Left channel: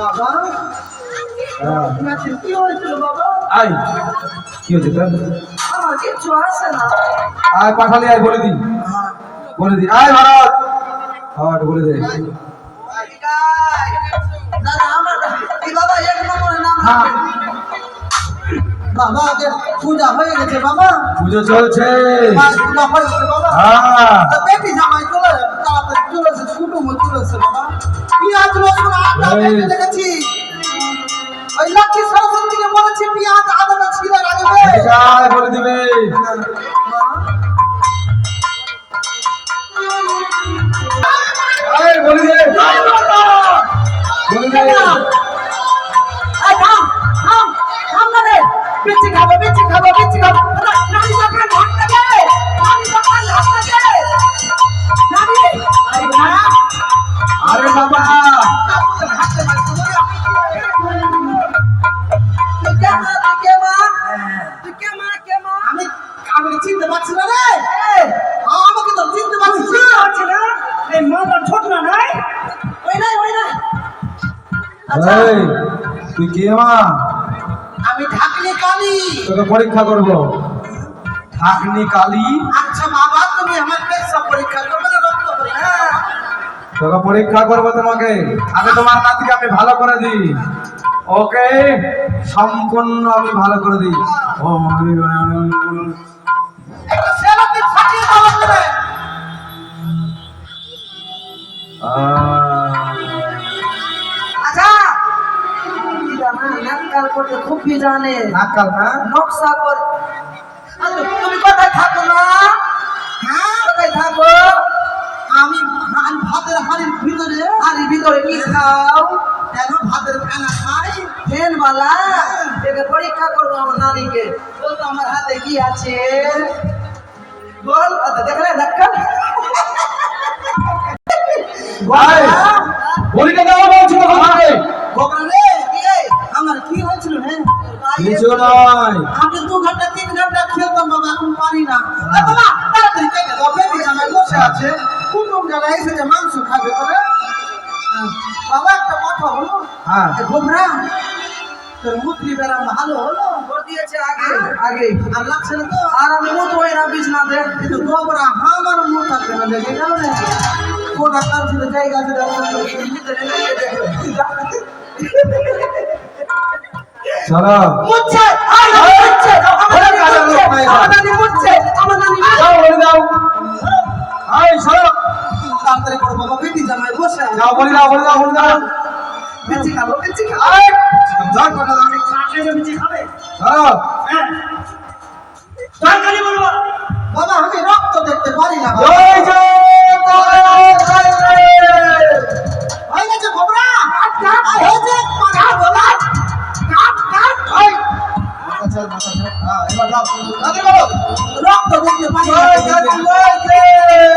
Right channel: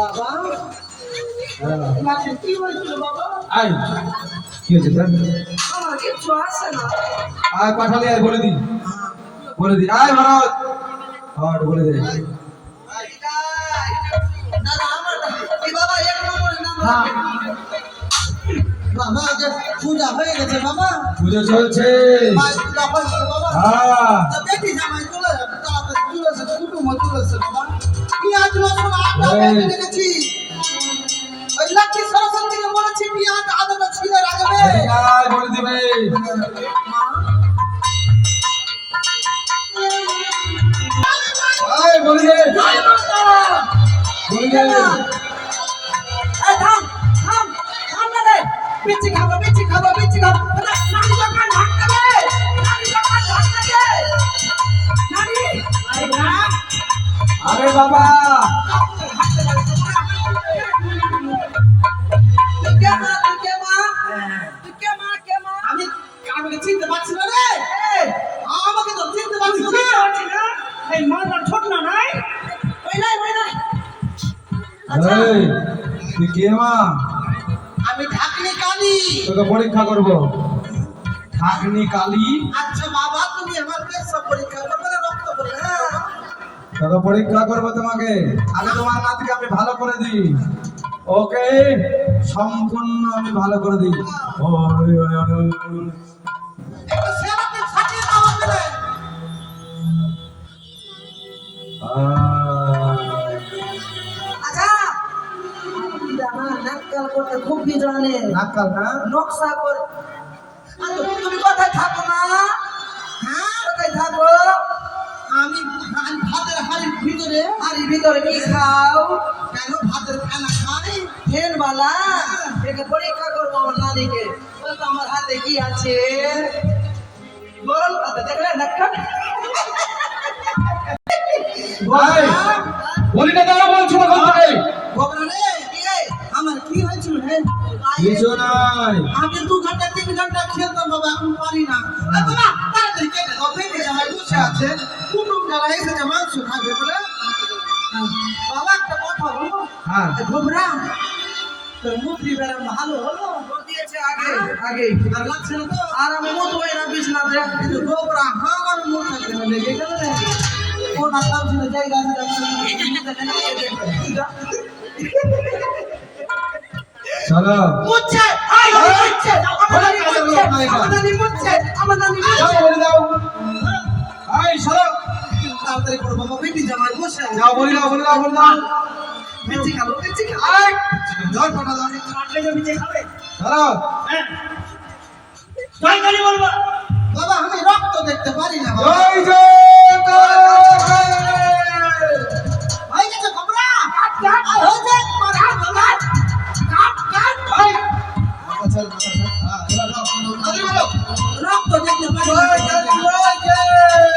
বাবা? হ্যাঁ। নাচের কি হয়েছিল বাবা? আয় কি হয়েছে তোর? আমার কিচ্ছু আসে না। আয় পাঠালি আয় বলে দি বলে দি আয় ভারত। হ্যাঁ একটু বলে দে। দাদা আমার বাবা এক নম্বরে নাম হ্যাঁ। বাবা পূজা হয়ে গেছে বাবা। পুজো চলছে। হয়ে বাবা। হ্যাঁ। বলে দিবে। বলে দিবে। বলে দিবে। এই থাম থাম থাম না রে। বিচি খাব বিচি খাব বিচি খাব। নানি দোকান ভাঙতে দে নানি দোকান ভাঙতে দে নানি? আরে বাবা। তুই তুই কে মা কে মা? আমি আমি চিনতে পারছি না রে। আমাকে তো চিনতে পারছিস না। পারছি না। এই মালটা ছোট না নাই? ওই নাই ওই নাই। আচ্ছা। তুই কে মা? আমি ঢাকনি কালি। তোকে পরীক্ষা করব। ঢাকনি কালি? আচ্ছা তোকে পরীক্ষা করব তোমাকে। আগে তোমার নাতিকে আমি ভালো করে দিই। ওকে? সম্পূর্ণ আমি ভালো করে দিই। ও আচ্ছা। করতে খুবই জানে। নাকাল না? নকশা করে। আচ্ছা, তুমি কোথায় থাকো না? ভিতরে কি খাও। কেন ভাতের ফেনা খাই? ফেনবালা একে পরীক্ষা করব আমার নানিকে। বল তো আমার হাতে কি আছে? বল দেখলে ভাই। পরীক্ষা দেওয়া আমাকে? আমার কি হয়েছিল কিছু দু ঘণ্টা তিন ঘণ্টা খেলতাম বাবা এখন পারি না। আর বাবা তাড়াতাড়ি কেটে দাও বেবি জামাই বসে আছে? কুটুম যারা এসেছে মাংস খাবে বলে? বাবা একটা কথা বলো। হ্যাঁ। এ তোর মুত্রি বেড়া ভালো হলো? ভোট দিয়েছে আগে। আগে। আর লাগছে না তো? আর আমি মুত ওই না বিছনা দে। কিন্তু গোবরা আমার মুখ থাকবে না দেখে গেল রে। কোন আকার ছিল জায়গা আছে চলো। মুচ্ছে আই মুচ্ছে। আমার নানি মুচ্ছে। তাড়াতাড়ি করো বাবা বেটি জামাই বসে যাও বলে দাও বলে দাও বলে দাও। বেঁচে খাব বেঁচে খাব। এই, জল কটা দাও কাটলে যে নিচে খাবে। সরো হ্যাঁ। তরকারি বলব বাবা আমি রক্ত দেখতে পারি না জয় জয় হয়ে গেছে গোবরা কাট হয়েছে মাথা বাবা কাট কাট। ওই আচ্ছা আচ্ছা হ্যাঁ এবার দাও রক্ত দেখতে পারি না জয় জয় জয়।